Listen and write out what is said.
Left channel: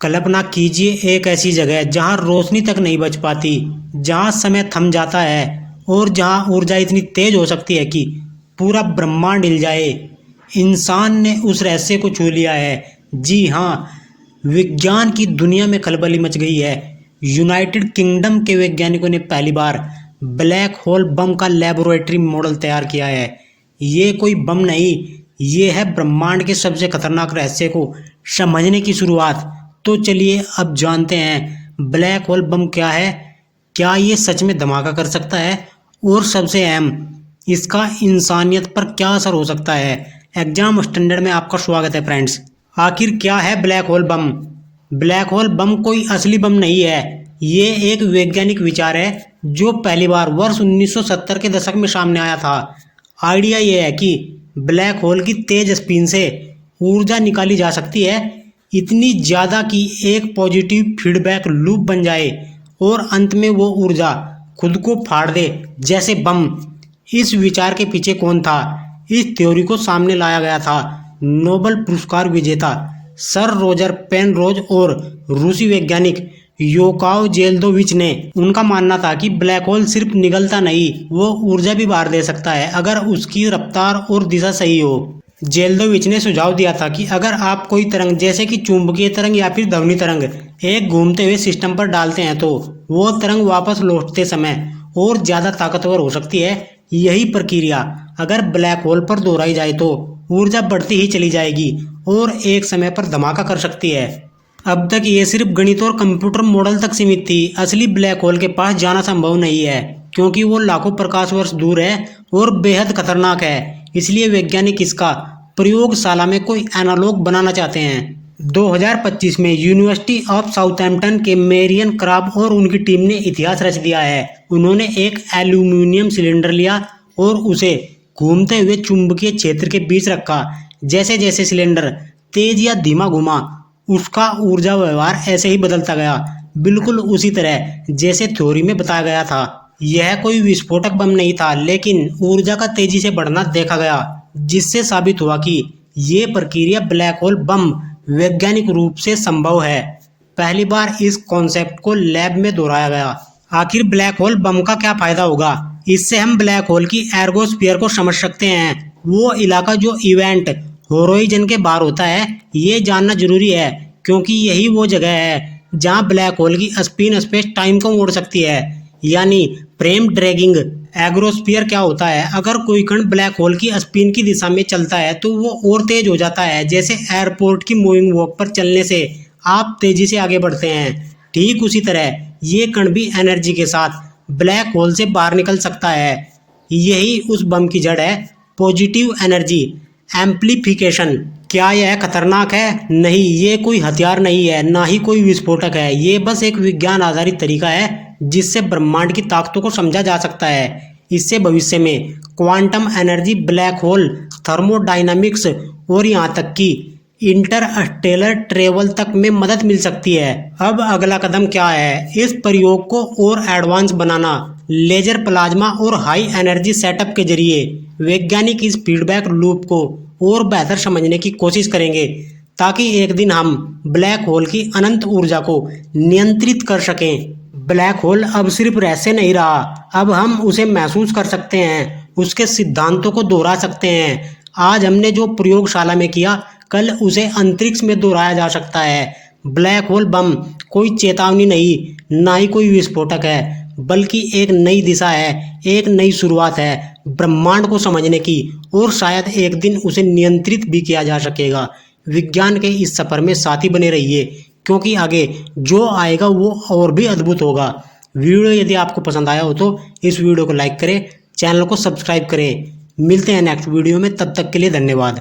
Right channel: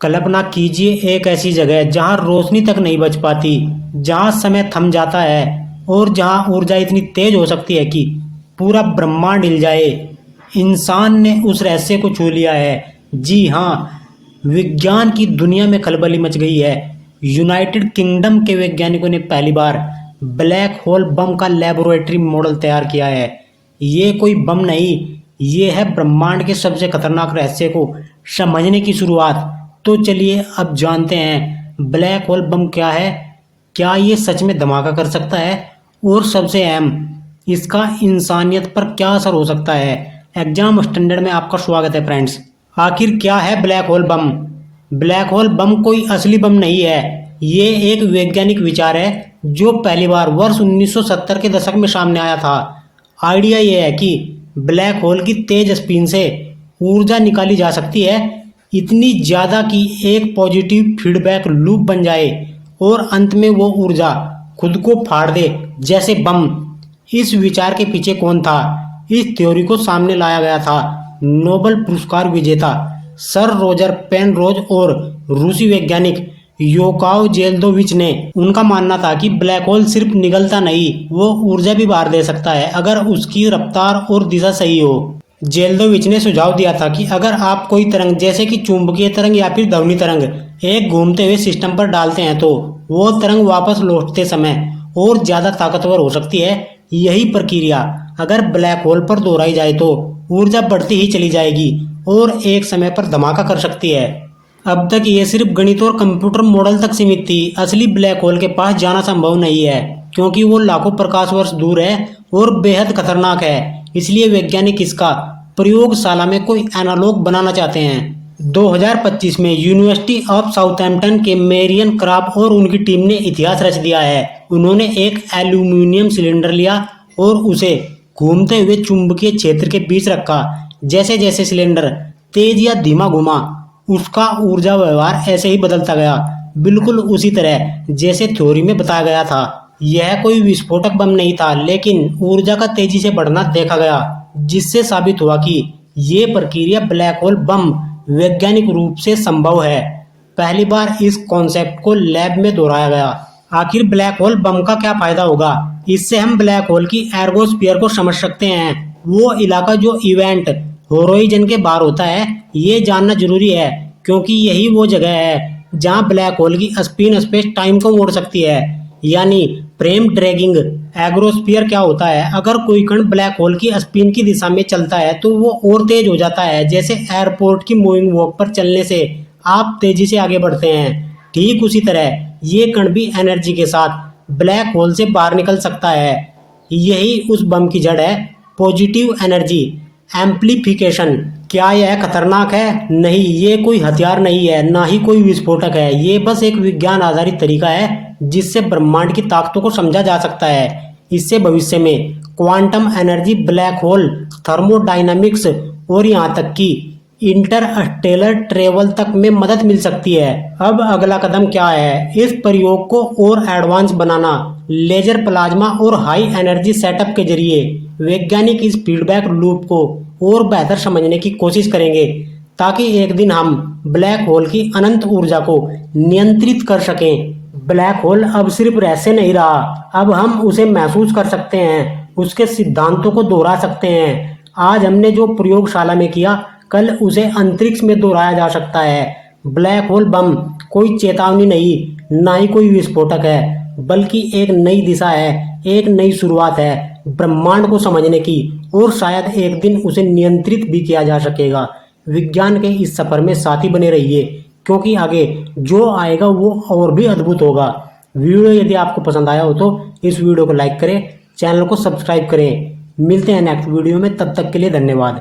कल्पना कीजिए एक ऐसी जगह जहां रोशनी तक नहीं बच पाती, जहां समय थम जाता है और जहां ऊर्जा इतनी तेज हो सकती है कि पूरा ब्रह्मांड हिल जाए। इंसान ने उस रहस्य को छू लिया है। जी हाँ, विज्ञान की दुनिया में खलबली मच गई है। यूनाइटेड किंगडम के वैज्ञानिकों ने पहली बार ब्लैक होल बम का लेबोरेटरी मॉडल तैयार किया है। ये कोई बम नहीं, ये है ब्रह्मांड के सबसे खतरनाक रहस्य को समझने की शुरुआत। तो चलिए अब जानते हैं ब्लैक होल बम क्या है, क्या ये सच में धमाका कर सकता है और सबसे अहम, इसका इंसानियत पर क्या असर हो सकता है। एग्जाम स्टैंडर्ड में आपका स्वागत है फ्रेंड्स। आखिर क्या है ब्लैक होल बम? ब्लैक होल बम कोई असली बम नहीं है, ये एक वैज्ञानिक विचार है जो पहली बार वर्ष 1970 के दशक में सामने आया था। आइडिया ये है कि ब्लैक होल की तेज स्पिन से ऊर्जा निकाली जा सकती है, इतनी ज़्यादा कि एक पॉजिटिव फीडबैक लूप बन जाए और अंत में वो ऊर्जा खुद को फाड़ दे, जैसे बम। इस विचार के पीछे कौन था? इस थ्योरी को सामने लाया गया था नोबेल पुरस्कार विजेता सर रोजर पेनरोज और रूसी वैज्ञानिक योकाव जेल्दोविच ने। उनका मानना था कि ब्लैक होल सिर्फ निगलता नहीं, वो ऊर्जा भी बाहर दे सकता है अगर उसकी रफ्तार और दिशा सही हो। जेल्दोविच ने सुझाव दिया था कि अगर आप कोई तरंग जैसे कि चुंबकीय तरंग या फिर ध्वनि तरंग एक घूमते हुए सिस्टम पर डालते हैं तो वो तरंग वापस लौटते समय और ज्यादा ताकतवर हो सकती है। यही प्रक्रिया अगर ब्लैक होल पर दोहराई जाए तो ऊर्जा बढ़ती ही चली जाएगी और एक समय पर धमाका कर सकती है। अब तक ये सिर्फ गणित और कंप्यूटर मॉडल तक सीमित थी। असली ब्लैक होल के पास जाना संभव नहीं है क्योंकि वो लाखों प्रकाश वर्ष दूर है और बेहद खतरनाक है। इसलिए वैज्ञानिक इसका प्रयोगशाला में कोई एनालॉग बनाना चाहते हैं। 2025 में यूनिवर्सिटी ऑफ साउथहैम्पटन के मेरियन क्राब और उनकी टीम ने इतिहास रच दिया है। उन्होंने एक एल्यूमिनियम सिलेंडर लिया और उसे घूमते हुए चुंबकीय क्षेत्र के बीच रखा। जैसे जैसे सिलेंडर तेज या धीमा घुमा, उसका ऊर्जा व्यवहार ऐसे ही बदलता गया, बिल्कुल उसी तरह जैसे थ्योरी में बताया गया था। यह कोई विस्फोटक बम नहीं था, लेकिन ऊर्जा का तेजी से बढ़ना देखा गया, जिससे साबित हुआ कि ये प्रक्रिया ब्लैक होल बम वैज्ञानिक रूप से संभव है। पहली बार इस कॉन्सेप्ट को लैब में दोहराया गया। आखिर ब्लैक होल बम का क्या फायदा होगा? इससे हम ब्लैक होल की एर्गोस्फीयर को समझ सकते हैं, वो इलाका जो इवेंट होराइजन के बाहर होता है। ये जानना जरूरी है क्योंकि यही वो जगह है जहां ब्लैक होल की स्पिन स्पेस टाइम को मोड़ सकती है, यानी फ्रेम ड्रैगिंग। एग्रोस्फीयर क्या होता है? अगर कोई कण ब्लैक होल की स्पिन की दिशा में चलता है तो वो और तेज हो जाता है, जैसे एयरपोर्ट की मूविंग वॉक पर चलने से आप तेजी से आगे बढ़ते हैं। ठीक उसी तरह ये कण भी एनर्जी के साथ ब्लैक होल से बाहर निकल सकता है। यही उस बम की जड़ है, पॉजिटिव एनर्जी एम्प्लीफिकेशन। क्या यह खतरनाक है? नहीं, ये कोई हथियार नहीं है, ना ही कोई विस्फोटक है। ये बस एक विज्ञान आधारित तरीका है जिससे ब्रह्मांड की ताकतों को समझा जा सकता है। इससे भविष्य में quantum energy, black hole, thermodynamics और यहाँ तक कि इंटरस्टेलर ट्रेवल तक में मदद मिल सकती है। अब अगला कदम क्या है? इस प्रयोग को और एडवांस बनाना। लेजर, प्लाज्मा और हाई एनर्जी सेटअप के जरिए वैज्ञानिक इस फीडबैक लूप को और बेहतर समझने की कोशिश करेंगे ताकि एक दिन हम ब्लैक होल की अनंत ऊर्जा को नियंत्रित कर सकें। ब्लैक होल अब सिर्फ रहस्य नहीं रहा, अब हम उसे महसूस कर सकते हैं, उसके सिद्धांतों को दोहरा सकते हैं। आज हमने जो प्रयोगशाला में किया, कल उसे अंतरिक्ष में दोहराया जा सकता है। ब्लैक होल बम कोई चेतावनी नहीं, ना ही कोई विस्फोटक है, बल्कि एक नई दिशा है, एक नई शुरुआत है ब्रह्मांड को समझने की, और शायद एक दिन उसे नियंत्रित भी किया जा सकेगा। विज्ञान के इस सफर में साथी बने रहिए क्योंकि आगे जो आएगा वो और भी अद्भुत होगा। वीडियो यदि आपको पसंद आया हो तो इस वीडियो को लाइक करें, चैनल को सब्सक्राइब करें। मिलते हैं नेक्स्ट वीडियो में, तब तक के लिए धन्यवाद।